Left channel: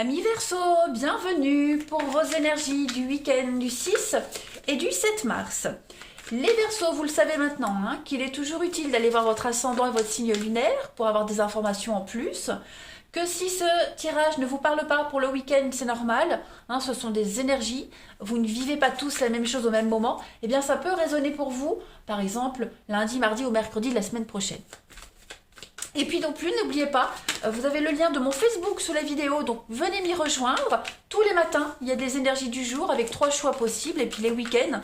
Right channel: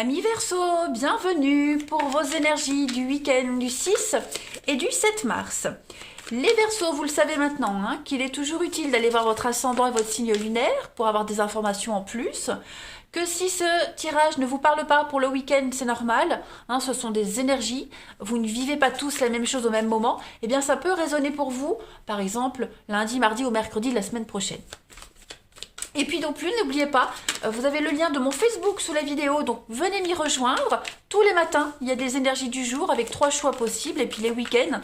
Amis Verseau, bienvenue pour vos énergies du week-end du 6 et du 7 mars. Les Verseaux, vous le savez maintenant, qu'il est toujours utile d'aller voir votre ascendant et votre signe lunaire pour avoir des informations en plus. Que si ce tirage ne vous parle pas pour le week-end, c'est normal, ce sont des énergies, vous ne vivez pas tous la même chose au même moment, et bien ça peut résonner pour vous, par exemple lundi, mardi ou mercredi de la semaine prochaine. Et puis non plus, n'oubliez pas, vous avez le lien de mon Facebook sous la vidéo, donc venez m'y rejoindre. Tous les matins, il y a des énergies du jour avec 3 choix possibles. Et puis les week-ends,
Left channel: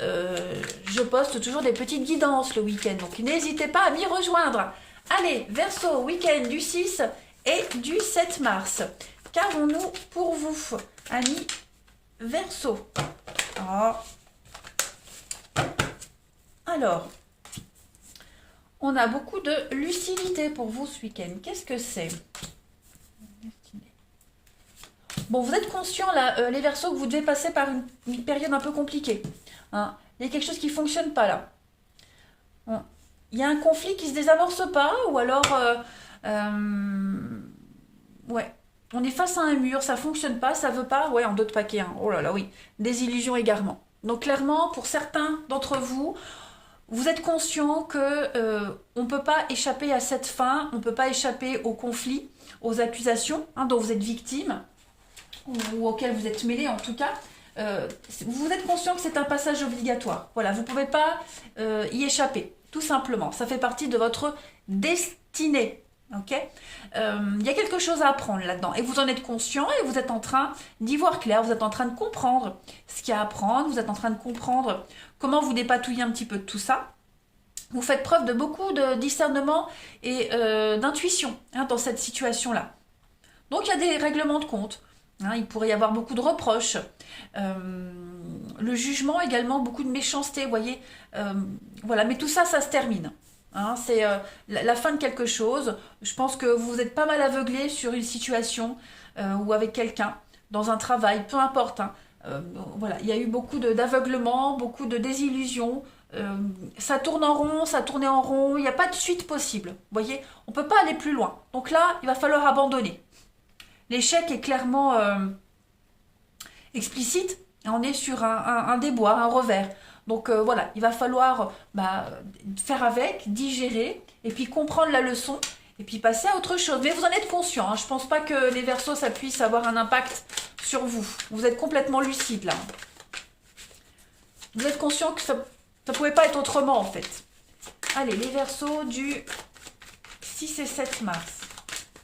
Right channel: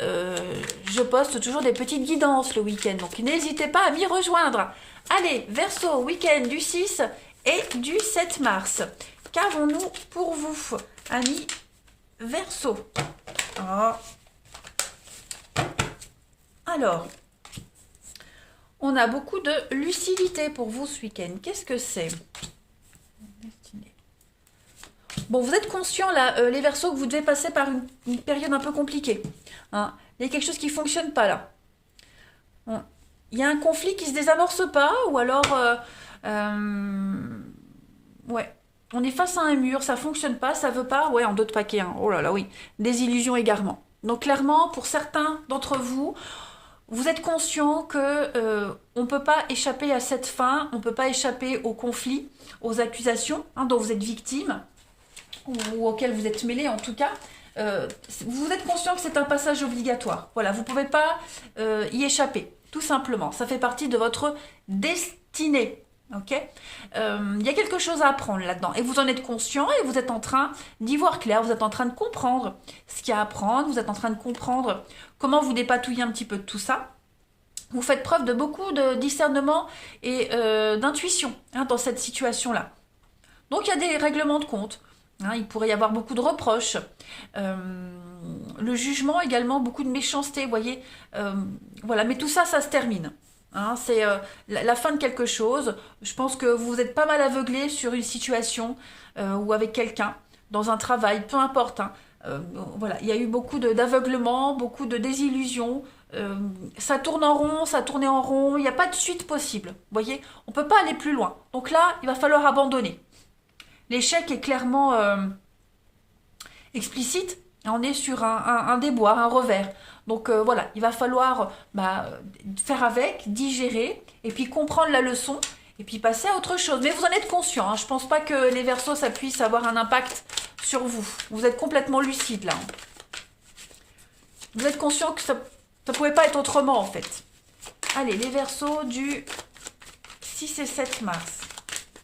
je poste toujours des petites guidances le week-end. Donc n'hésitez pas à m'y rejoindre. Allez, Verseau, week-end du 6 et du 7 mars. Qu'avons-nous pour vous, amis Verseau? Alors, on a beaucoup de lucidité pour vous ce week-end. Qu'est-ce que c'est? Bon, vous êtes conscients, là, les Verseaux, que vous devez passer par une période un peu compliquée. Il y a quelque chose qui ne fonctionne pas, là. Il y a un conflit qui ne se désamorce pas, ou alors... ouais. On est face à un mur, ça ne fonctionne pas, ça ne veut pas. Ouais, en d'autres paquets. Oh là là, oui. Désillusion égarement. Donc, clairement, pour certains d'entre vous... Vous êtes conscient que on ne peut pas échapper à cette fin, on ne peut pas échapper au conflit, aux accusations dont vous êtes victime, ou auxquelles vous êtes mêlé en tout cas. Vous êtes conscient que c'est un passage obligatoire. Voilà, vous ne pouvez pas y échapper, tout simplement. Ça fait partie de votre destinée. Ok, il y a quelque chose à apprendre là-dedans et vous en êtes conscient et vous êtes en train d'y voir clair, vous êtes en train de comprendre ce qu'il y a à apprendre, vous êtes en train de comprendre comment vous dépatouiller un petit peu de tout ça. Vous faites preuve de beaucoup de discernement et d'intuition dans cette situation-là. Donc il y a des règlements de compte, il pourrait y avoir beaucoup de reproches, le jugement également, beaucoup de méchanceté, vous voyez, voilà, mais tout ça, ça se termine. C'est la fin de quelque chose. Je pense que vous êtes pas mal aveuglé sur une situation ou avec quelqu'un, dans un travail, peu importe. Voilà, il y a eu beaucoup d'aveuglement, beaucoup de désillusions. Ça tourne en rond, ça tournait en rond. Il n'y a pas de suite possible. Vous voyez, on ne peut pas aller plus loin. Donc là, il va falloir abandonner. L'échec est clairement explicite. On est sur un déboire, un revers. Donc voilà, il va falloir faire avec, digérer, et puis comprendre la leçon, et puis passer à autre chose. Mais vous en êtes conscient, je ne pense pas que les Verseaux, ça puisse avoir un impact sur vous. Vous êtes complètement lucide là. Vous êtes conscient que ça ne pouvait pas être autrement en fait. Allez, les Verseaux du 6 et 7 mars,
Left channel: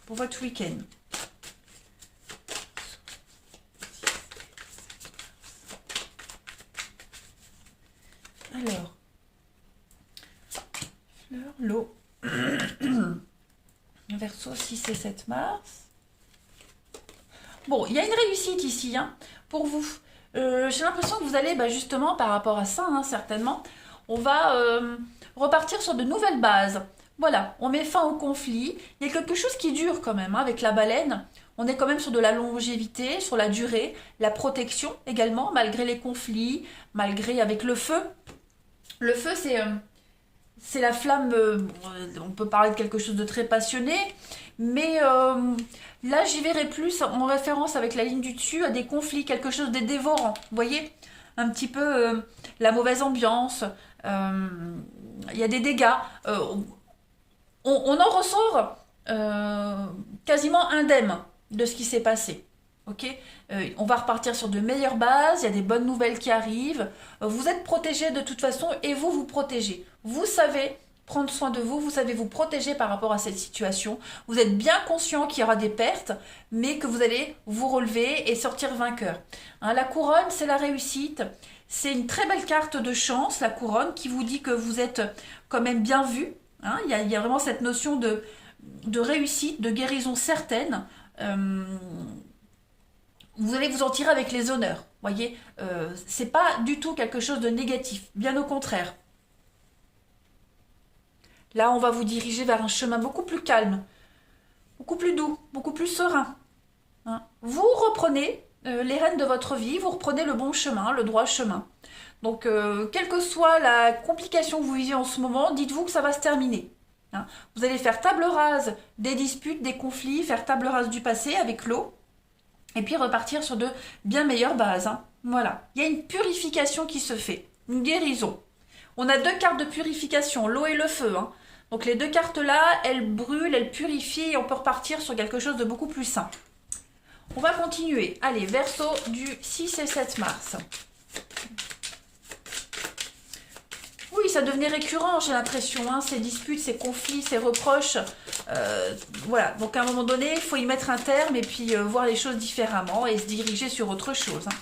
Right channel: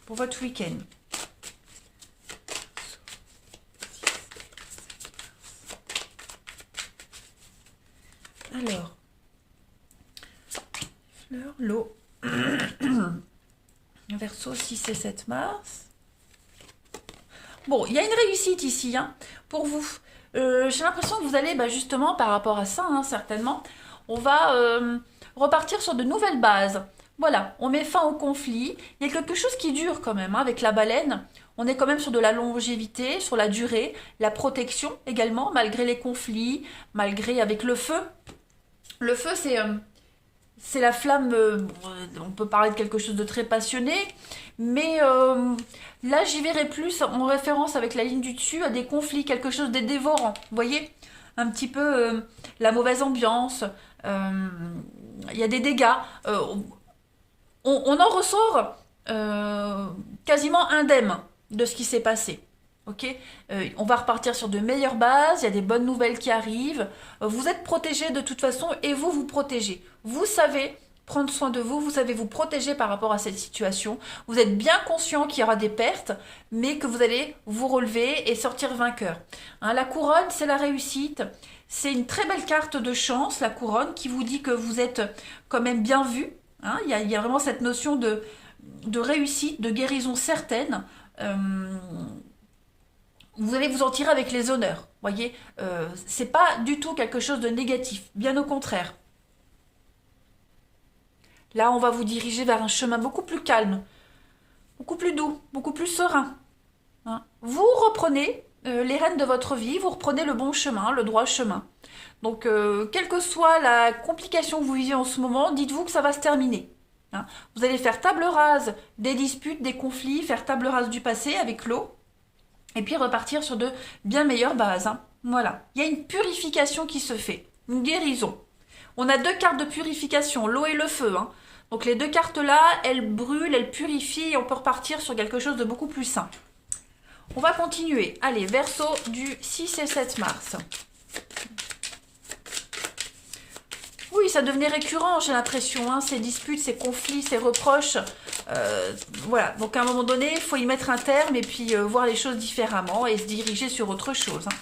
pour votre week-end. Alors, fleur, l'eau, Verseau 6 et 7 mars. Bon, il y a une réussite ici pour vous. J'ai l'impression que vous allez justement par rapport à ça, certainement, on va repartir sur de nouvelles bases. Voilà, on met fin au conflit. Il y a quelque chose qui dure quand même avec la baleine. On est quand même sur de la longévité, sur la durée, la protection également, malgré les conflits, malgré avec le feu. Le feu, c'est la flamme, on peut parler de quelque chose de très passionné, mais là, j'y verrais plus en référence avec la ligne du dessus à des conflits, quelque chose de dévorant. Vous voyez, un petit peu la mauvaise ambiance, il y a des dégâts. On en ressort quasiment indemne de ce qui s'est passé. Ok, on va repartir sur de meilleures bases, il y a des bonnes nouvelles qui arrivent, vous êtes protégé de toute façon et vous vous protégez. Vous savez prendre soin de vous, vous savez vous protéger par rapport à cette situation, vous êtes bien conscient qu'il y aura des pertes, mais que vous allez vous relever et sortir vainqueur. La couronne, c'est la réussite, c'est une très belle carte de chance, la couronne, qui vous dit que vous êtes quand même bien vu. Il y a vraiment cette notion de réussite, de guérison certaine. Vous allez vous en tirer avec les honneurs, voyez, c'est pas du tout quelque chose de négatif, bien au contraire. Là, on va vous diriger vers un chemin beaucoup plus calme, beaucoup plus doux, beaucoup plus serein. Vous reprenez les rênes de votre vie, vous reprenez le bon chemin, le droit chemin. Donc, quelle que soit la complication que vous vivez en ce moment, dites-vous que ça va se terminer. Vous allez faire table rase des disputes, des conflits, faire table rase du passé avec l'eau. et puis repartir sur de bien meilleures bases. Hein. Voilà, il y a une purification qui se fait, une guérison. On a deux cartes de purification, l'eau et le feu. Hein. Donc les deux cartes-là, elles brûlent, elles purifient, et on peut repartir sur quelque chose de beaucoup plus sain. On va continuer. Allez, Verseau du 6 et 7 mars. Oui, ça devenait récurrent, j'ai l'impression, hein, ces disputes, ces conflits, ces reproches. Voilà, donc à un moment donné, il faut y mettre un terme et puis voir les choses différemment et se diriger sur autre chose. Hein.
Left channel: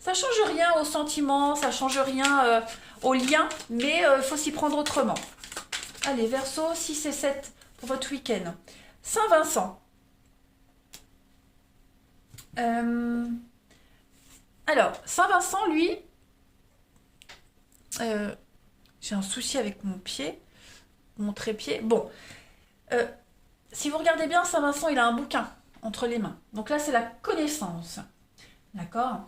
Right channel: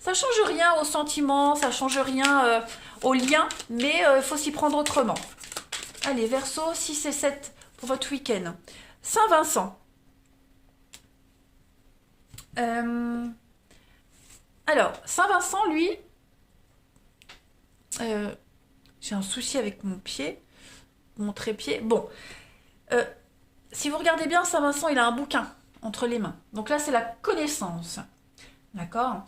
Ça ne change rien aux sentiments, ça ne change rien aux liens, mais il faut s'y prendre autrement. Allez, Verseau, 6 et 7 pour votre week-end. Saint-Vincent. Alors, Saint-Vincent, lui, j'ai un souci avec mon pied, mon trépied. Bon, si vous regardez bien, Saint-Vincent, il a un bouquin entre les mains. Donc là, c'est la connaissance. D'accord.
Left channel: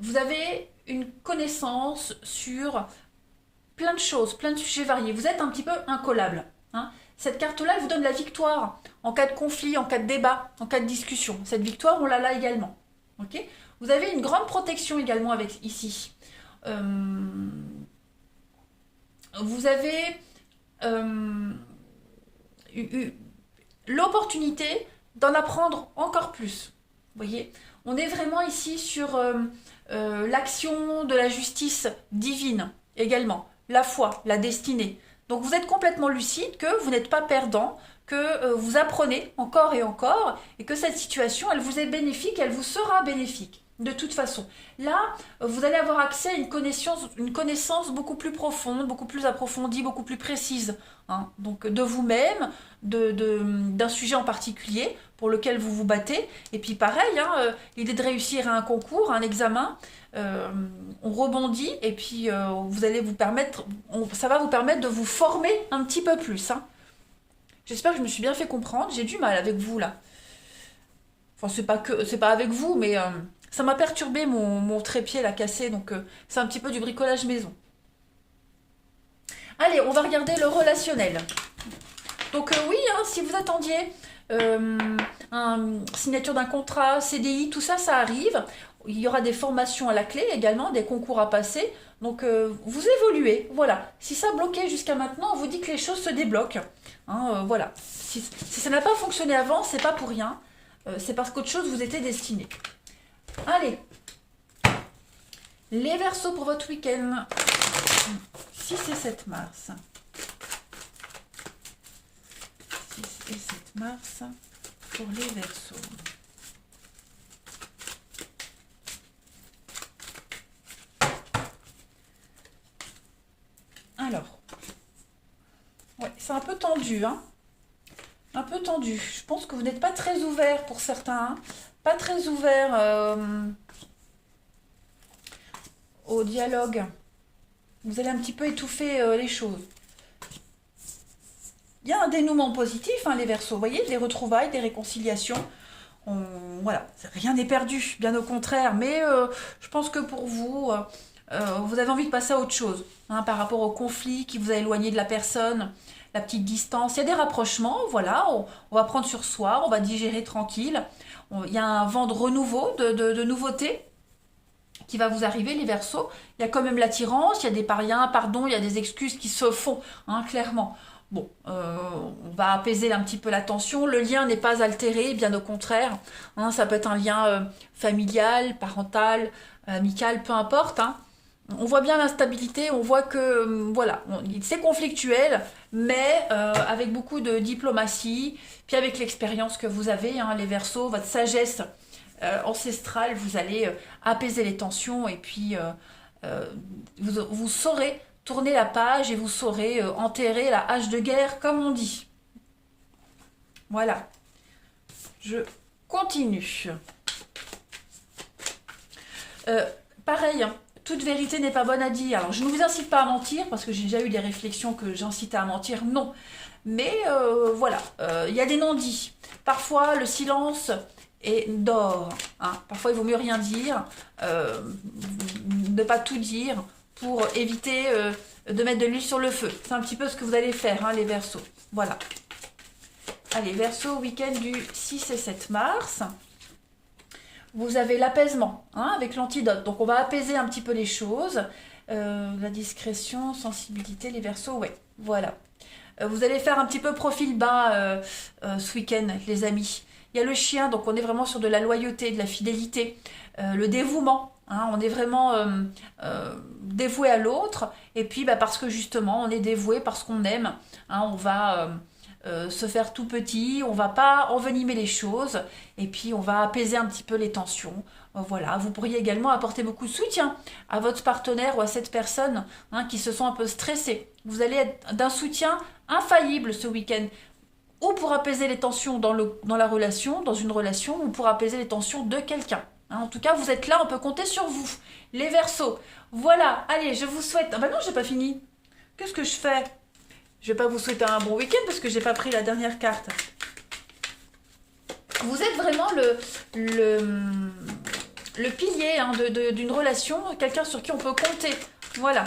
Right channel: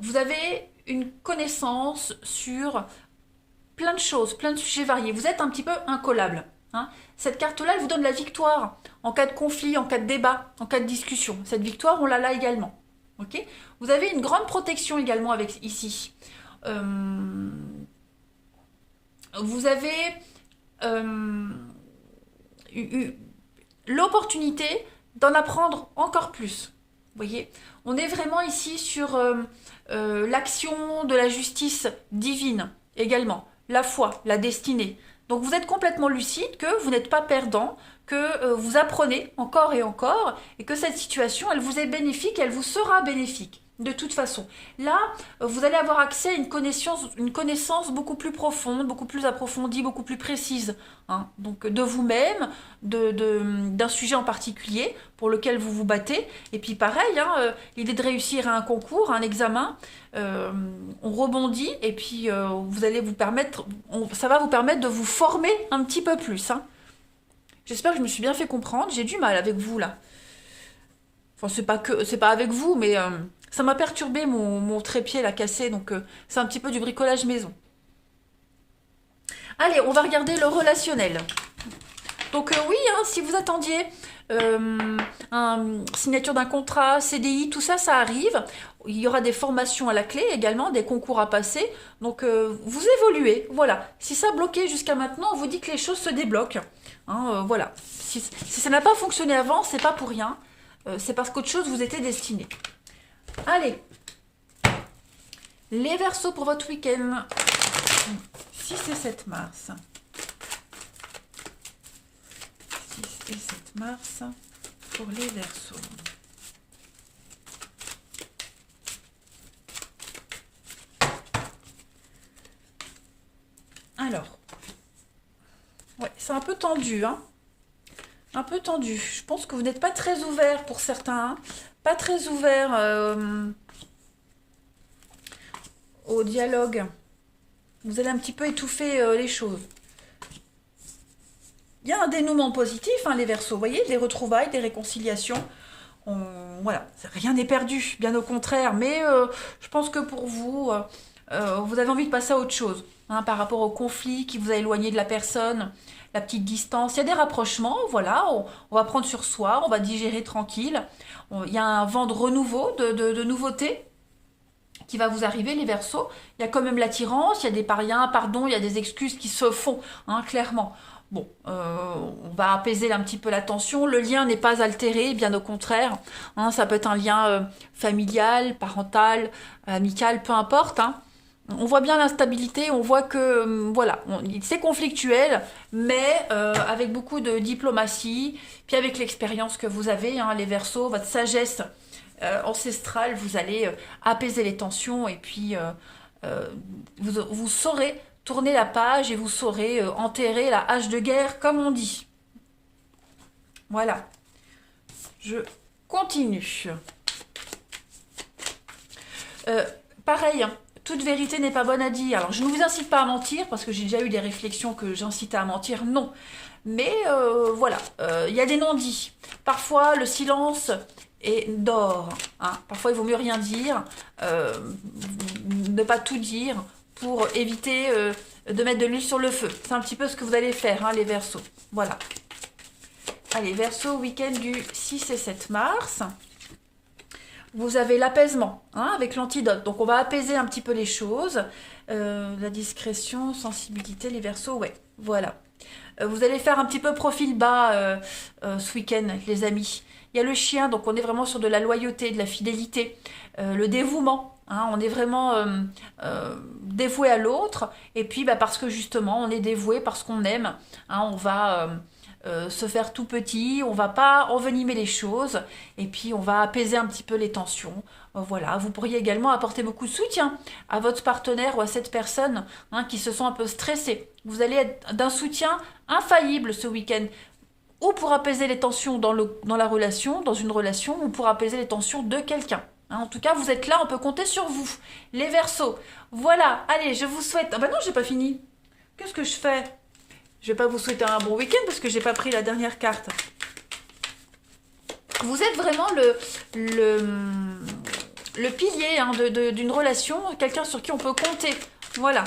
Vous avez une connaissance sur plein de choses, plein de sujets variés. Vous êtes un petit peu incollable. Hein. Cette carte-là, elle vous donne la victoire en cas de conflit, en cas de débat, en cas de discussion. Cette victoire, on l'a là également. Okay. Vous avez une grande protection également avec ici. Vous avez l'opportunité d'en apprendre encore plus. Vous voyez, on est vraiment ici sur l'action de la justice divine également, la foi, la destinée. Donc vous êtes complètement lucide que vous n'êtes pas perdant, que vous apprenez encore et encore, et que cette situation, elle vous est bénéfique, elle vous sera bénéfique. De toute façon. Là, vous allez avoir accès à une connaissance beaucoup plus profonde, beaucoup plus approfondie, beaucoup plus précise. Hein. Donc de vous-même, d'un sujet en particulier pour lequel vous vous battez. Et puis pareil, hein, l'idée de réussir à un concours, à un examen, on rebondit et puis vous allez vous permettre, ça va vous permettre de vous former un petit peu plus. Hein. J'espère que je me suis bien fait comprendre. J'ai du mal avec vous là. Enfin, c'est pas avec vous, mais ça m'a perturbé mon trépied là cassé, donc c'est un petit peu du bricolage maison. Allez, on va regarder le relationnel. Donc oui, hein, si vous attendiez signature d'un contrat, CDI, tout ça, ça arrive. Il y aura des formations à la clé également, des concours à passer. Donc vous évoluez, voilà. Si ça bloquait jusqu'à maintenant, on vous dit que les choses se débloquent. Hein, voilà. Si ça n'a pas fonctionné avant, c'est pas pour rien. C'est parce qu'autre chose vous était destiné. Allez, les Verseaux pour votre week-end, 6 et 7 mars. 6 et 7 mars pour les Verseaux. Alors, ouais, c'est un peu tendu, hein. Un peu tendu. Je pense que vous n'êtes pas très ouvert pour certains. Hein. Pas très ouvert au dialogue. Vous allez un petit peu étouffer les choses. Il y a un dénouement positif, hein, les Verseaux. Vous voyez, des retrouvailles, des réconciliations. Voilà, rien n'est perdu, bien au contraire. Mais je pense que pour vous, vous avez envie de passer à autre chose. Hein, par rapport au conflit qui vous a éloigné de la personne. La petite distance, il y a des rapprochements, voilà, on va prendre sur soi, on va digérer tranquille. Il y a un vent de renouveau, de nouveautés qui va vous arriver, les Verseaux. Il y a quand même l'attirance, il y a des pardon, il y a des excuses qui se font, hein, clairement. Bon, on va apaiser un petit peu la tension. Le lien n'est pas altéré, bien au contraire. Hein, ça peut être un lien familial, parental, amical, peu importe, hein. On voit bien l'instabilité, on voit que voilà, c'est conflictuel, mais avec beaucoup de diplomatie, puis avec l'expérience que vous avez, hein, les Verseaux, votre sagesse ancestrale, vous allez apaiser les tensions et puis vous saurez tourner la page et vous saurez enterrer la hache de guerre, comme on dit. Voilà, je continue. Pareil, hein. Toute vérité n'est pas bonne à dire. Alors, je ne vous incite pas à mentir, parce que j'ai déjà eu des réflexions que j'incitais à mentir. Non. Mais voilà, il y a des non-dits. Parfois, le silence est d'or. Hein. Parfois, il vaut mieux rien dire, ne pas tout dire, pour éviter de mettre de l'huile sur le feu. C'est un petit peu ce que vous allez faire, hein, les Verseaux. Voilà. Allez, Verseau, week-end du 6 et 7 mars. Vous avez l'apaisement, hein, avec l'antidote. Donc, on va apaiser un petit peu les choses. La discrétion, sensibilité, les Verseaux, ouais, voilà. Vous allez faire un petit peu profil bas ce week-end, les amis. Il y a le chien, donc on est vraiment sur de la loyauté, de la fidélité, le dévouement. Hein, on est vraiment dévoué à l'autre. Et puis, bah, parce que justement, on est dévoué, parce qu'on aime, hein, on va se faire tout petit, on va pas envenimer les choses. Et puis, on va apaiser un petit peu les tensions. Voilà, vous pourriez également apporter beaucoup de soutien à votre partenaire ou à cette personne, hein, qui se sent un peu stressée. Vous allez être d'un soutien infaillible ce week-end, ou pour apaiser les tensions dans la relation, dans une relation, ou pour apaiser les tensions de quelqu'un. Hein, en tout cas, vous êtes là, on peut compter sur vous. Les Verseaux. Voilà, allez, je vous souhaite... Ah bah non, j'ai pas fini. Qu'est-ce que je fais? Je vais pas vous souhaiter un bon week-end parce que j'ai pas pris la dernière carte. Vous êtes vraiment le pilier, hein, d'une relation, quelqu'un sur qui on peut compter. Voilà.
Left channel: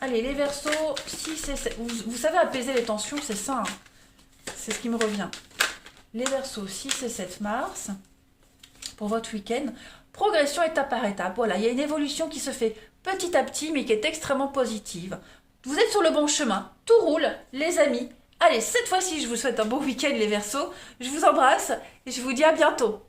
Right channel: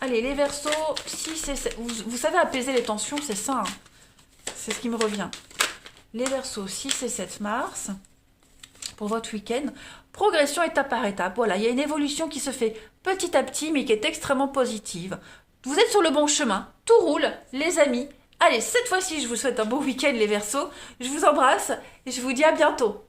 Allez, les Verseaux, 6 et 7. Vous savez apaiser les tensions, c'est ça. Hein. C'est ce qui me revient. Les Verseaux, 6 et 7 mars, pour votre week-end. Progression étape par étape. Voilà, il y a une évolution qui se fait petit à petit, mais qui est extrêmement positive. Vous êtes sur le bon chemin. Tout roule, les amis. Allez, cette fois-ci, je vous souhaite un bon week-end, les Verseaux. Je vous embrasse et je vous dis à bientôt.